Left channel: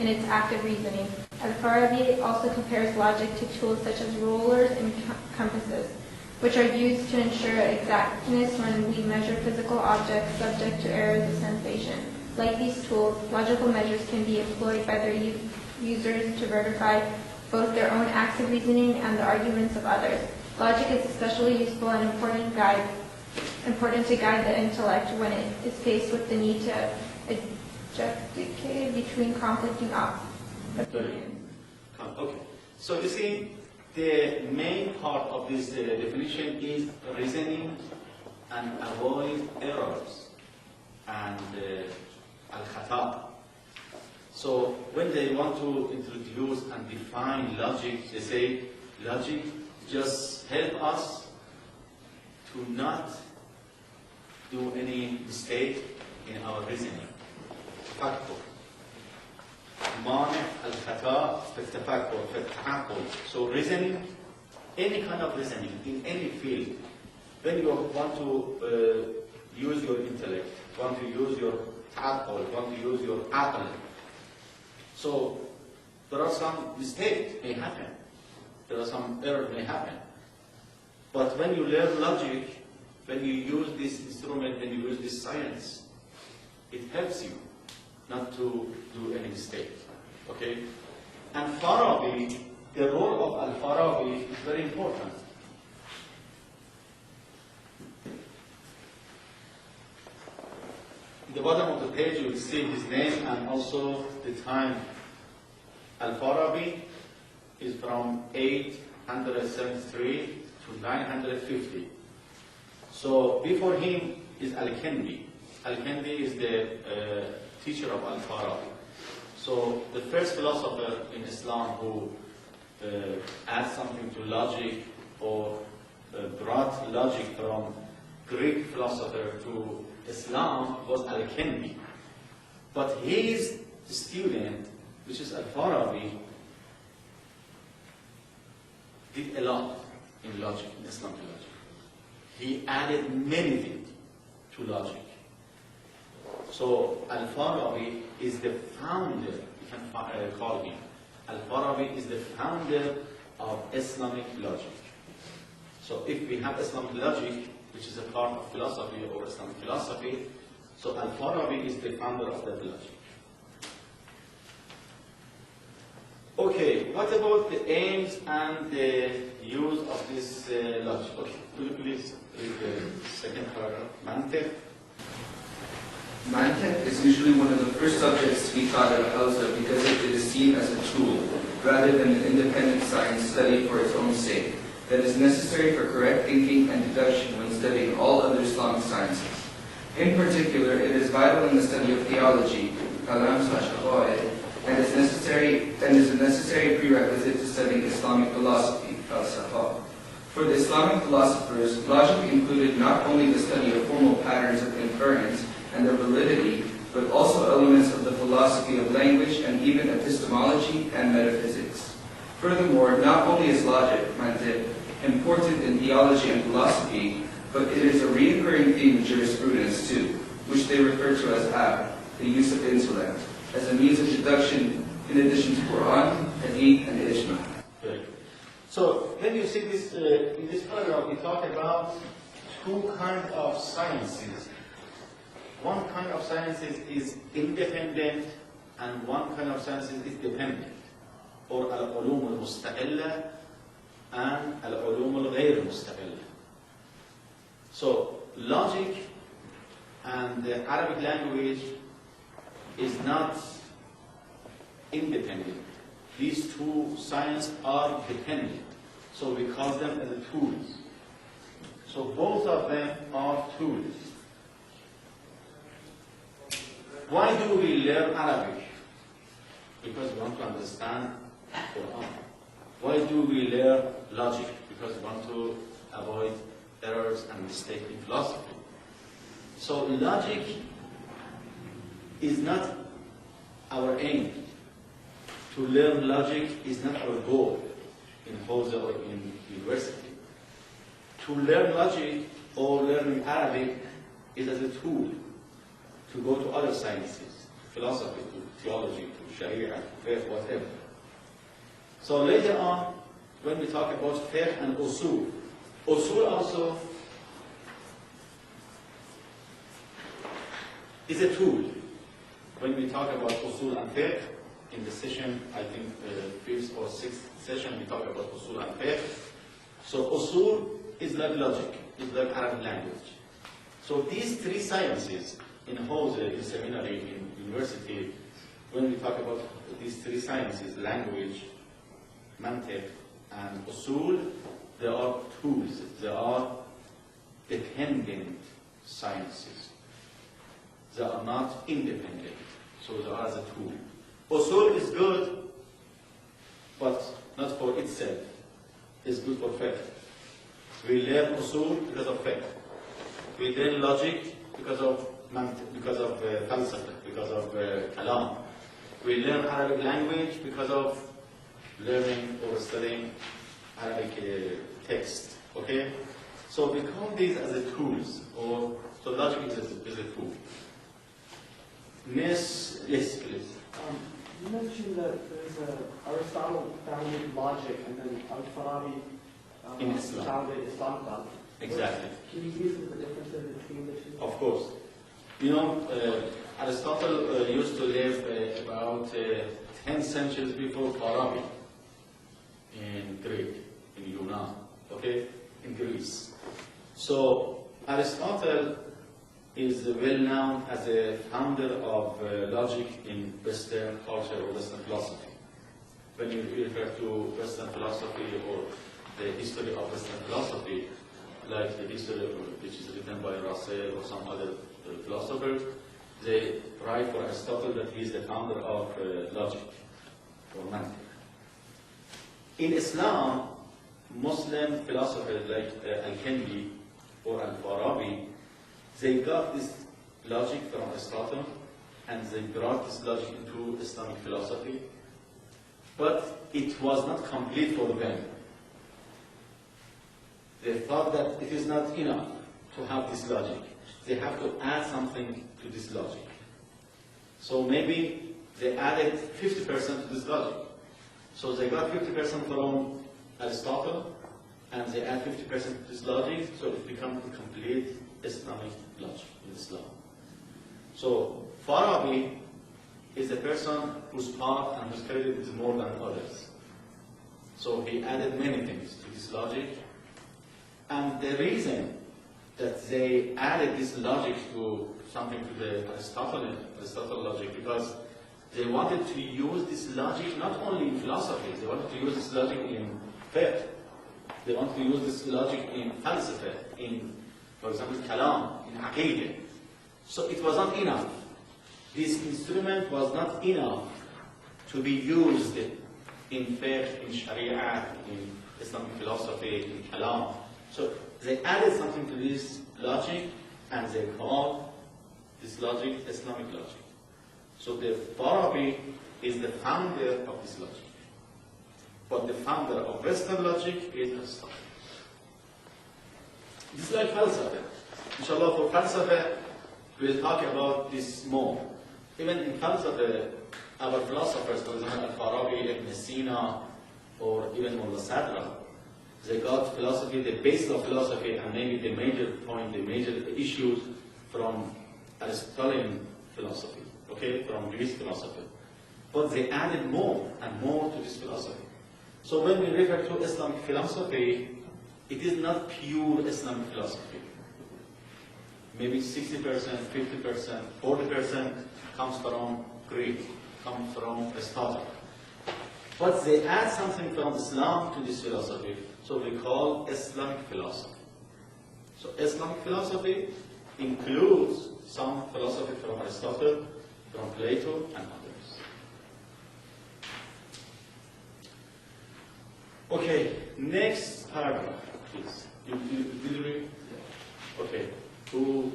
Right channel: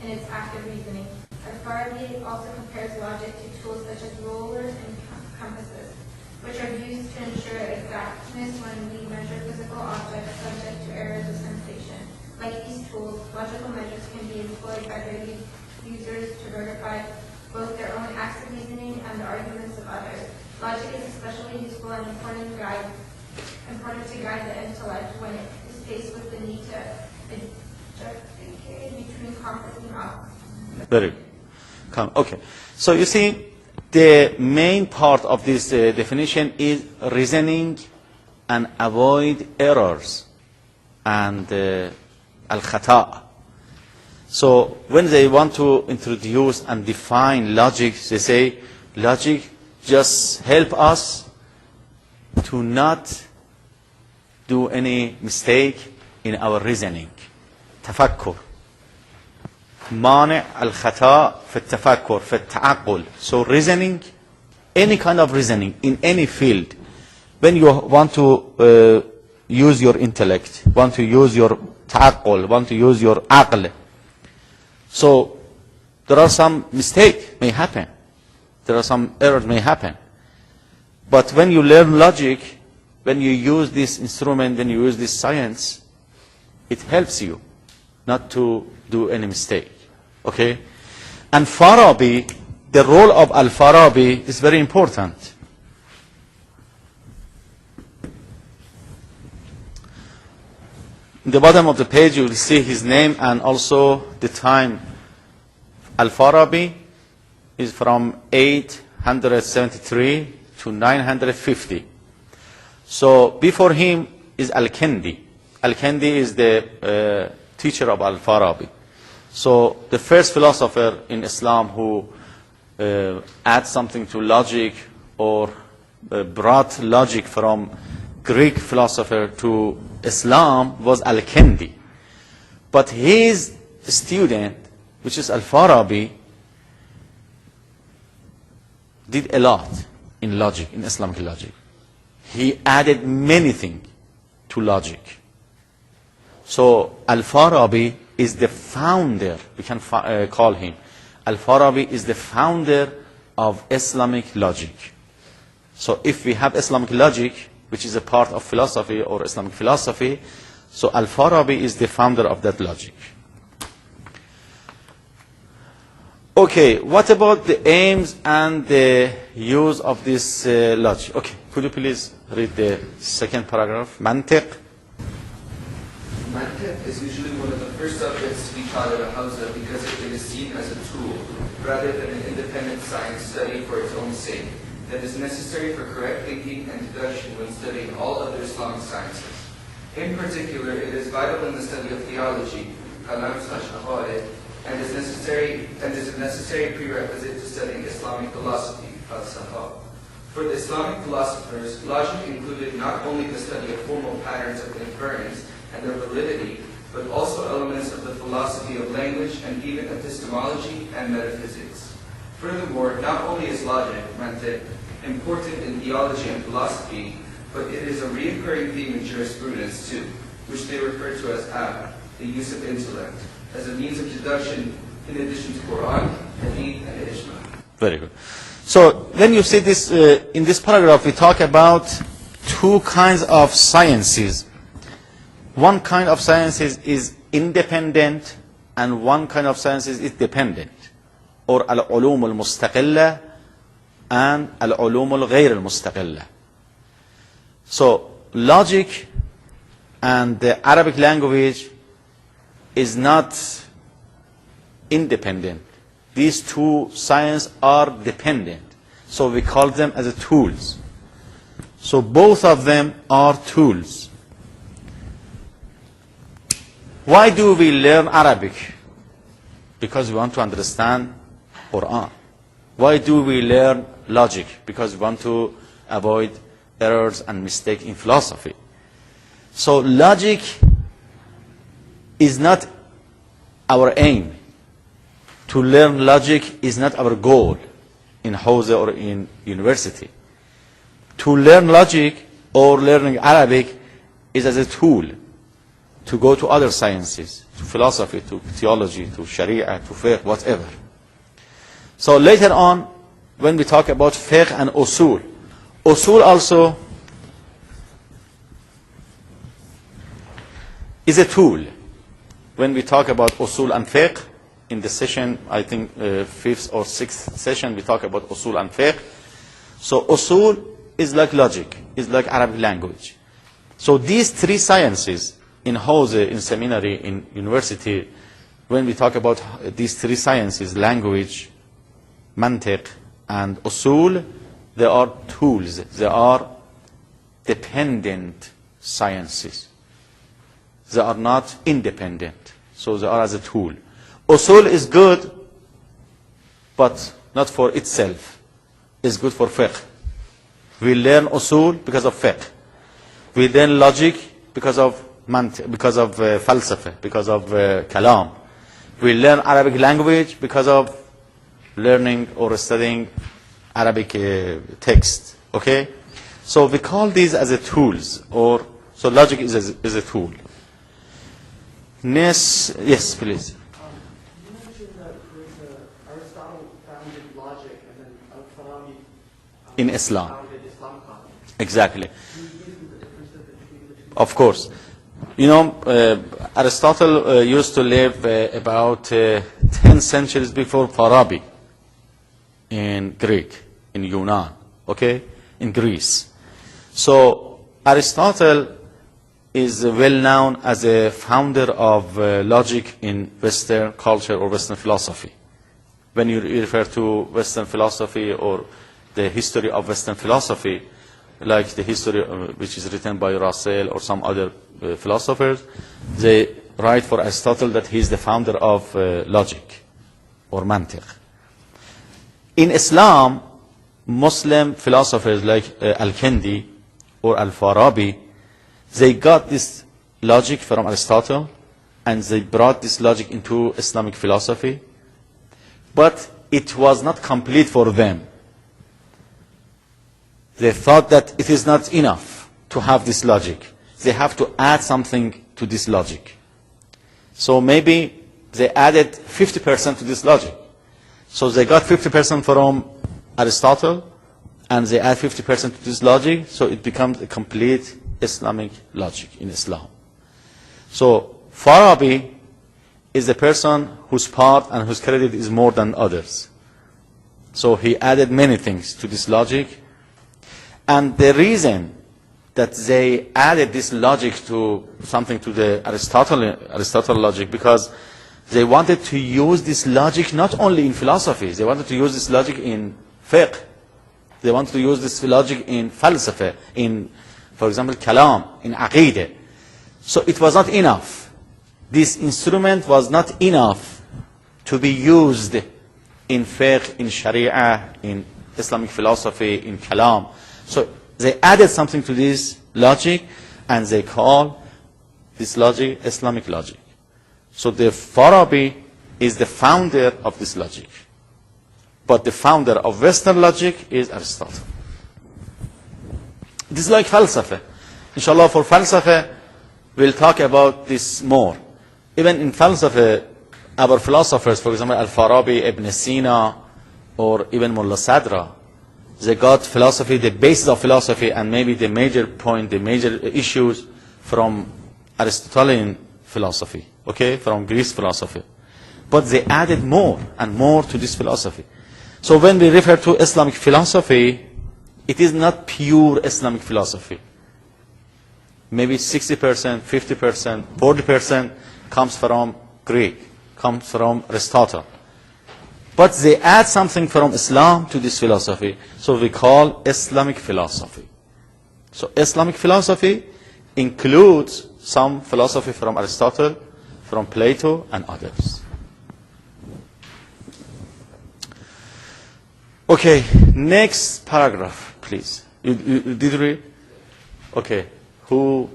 in its act of reasoning. Al-Farabi also compares logic to tools such as rulers and compasses, which are used to ensure exactness when we measure physical objects subject to errors of sensation. Like these tools, logical measures can be employed by their users to verify both their own acts of reasoning and the arguments of others. Logic is especially useful and important to guide the intellect when it is faced with the need to adjudicate between conflicting opinions. Very good. Okay. So you see, the main part of this definition is reasoning and avoid errors and al-khata'. So when they want to introduce and define logic, they say logic just help us to not do any mistake in our reasoning. تفكر. مانع الخطأ في التفكر في التعقل. So reasoning, any kind of reasoning in any field, when you want to use your intellect, want to use your تعقل, want to use your عقل, so there are some mistakes may happen. There are some errors may happen. But when you learn logic, when you use this instrument, when you use this science, it helps you not to do any mistake. Okay? And Farabi, the role of Al-Farabi is very important. In the bottom of the page, you will see his name and also the time. Al-Farabi is from 873 to 950. So before him is Al-Kindi. Al-Kindi is the teacher of Al-Farabi. So the first philosopher in Islam who adds something to logic or brought logic from Greek philosopher to Islam was Al-Kindi. But his student, which is Al-Farabi, did a lot in logic, in Islamic logic. He added many things to logic. So Al-Farabi is the founder, we can call him. Al-Farabi is the founder of Islamic logic. So if we have Islamic logic, which is a part of philosophy or Islamic philosophy, so Al-Farabi is the founder of that logic. Okay, what about the aims and the use of this logic? Okay, could you please read the second paragraph? Mantiq. Mantiq is usually one of the first subjects to be taught at Hausa because it is seen as a tool, rather than an independent science study for its own sake, that is necessary for correct thinking and deduction when studying all other Islamic sciences. In particular, it is vital in the study of theology, kalam/aqaid, and is a necessary prerequisite to studying Islamic philosophy, falsafa. For the Islamic philosophers, logic included not only the study of formal patterns of inference and their validity, but also elements of the philosophy of language and even epistemology and metaphysics. Furthermore, not only is logic, mantiq, important in theology and philosophy, but it is a recurring theme in jurisprudence too, which they refer to as the use of intellect, as a means of deduction in addition to Quran, Hadith, and Ijma. Very good. So when you see this, in this paragraph, we talk about two kinds of sciences. One kind of sciences is independent, and one kind of sciences is dependent, or al-ulum al-mustaqilla and al-ulum al-ghayr al-mustaqilla. So logic and the Arabic language is not independent. These two sciences are dependent. So we call them as tools. So both of them are tools. Why do we learn Arabic? Because we want to understand Quran. Why do we learn logic? Because we want to avoid errors and mistakes in philosophy. So logic is not our aim. To learn logic is not our goal in Hausa or in university. To learn logic or learning Arabic is as a tool to go to other sciences, to philosophy, to theology, to sharia, to fiqh, whatever. So later on, when we talk about fiqh and usul, usul also is a tool. When we talk about usul and fiqh, in the session, I think 5th or 6th session, we talk about usul and fiqh. So usul is like logic, is like Arabic language. So these three sciences in Hause, in seminary, in university, when we talk about these three sciences, language, mantiq, and usul, they are tools, they are dependent sciences. They are not independent, so they are as a tool. Usul is good, but not for itself. It's good for fiqh. We learn usul because of fiqh. We learn logic because of falsafa, because of kalam. We learn Arabic language because of learning or studying Arabic text. Okay? So we call these as a tools, or so logic is a tool. Yes, please. You mentioned that Aristotle founded logic and then Al-Farabi In Islam. founded Islam thought. Exactly. Can you give the differences between the two? Of course. You know, Aristotle used to live about 10 centuries before Farabi in Greek, in Yunan, okay, in Greece. So Aristotle is well known as a founder of logic in Western culture or Western philosophy. When you refer to Western philosophy or the history of Western philosophy, like the history which is written by Russell or some other philosophers, they write for Aristotle that he is the founder of logic or mantiq. In Islam, Muslim philosophers like Al-Kindi or Al-Farabi, they got this logic from Aristotle and they brought this logic into Islamic philosophy, but it was not complete for them. They thought that it is not enough to have this logic. They have to add something to this logic. So maybe they added 50% to this logic. So they got 50% from Aristotle and they add 50% to this logic, so it becomes a complete Islamic logic in Islam. So Farabi is a person whose part and whose credit is more than others. So he added many things to this logic. And the reason that they added this logic to something to the Aristotle logic, because they wanted to use this logic not only in philosophy, they wanted to use this logic in fiqh. They wanted to use this logic in falsafa, in, for example, kalam, in aqeedah. So it was not enough. This instrument was not enough to be used in fiqh, in sharia, in Islamic philosophy, in kalam. So they added something to this logic and they call this logic Islamic logic. So the Farabi is the founder of this logic. But the founder of Western logic is Aristotle. It is like falsafa. Inshallah, for falsafa, we'll talk about this more. Even in falsafa, our philosophers, for example, Al-Farabi, Ibn Sina, or even Mullah Sadra, they got philosophy, the basis of philosophy, and maybe the major point, the major issues from Aristotelian philosophy, okay, from Greek philosophy. But they added more and more to this philosophy. So when we refer to Islamic philosophy, it is not pure Islamic philosophy. Maybe 60%, 50%, 40% comes from Greek, comes from Aristotle. But they add something from Islam to this philosophy. So we call Islamic philosophy. So Islamic philosophy includes some philosophy from Aristotle, from Plato, and others. Okay, next paragraph, please. You did read? Okay. Who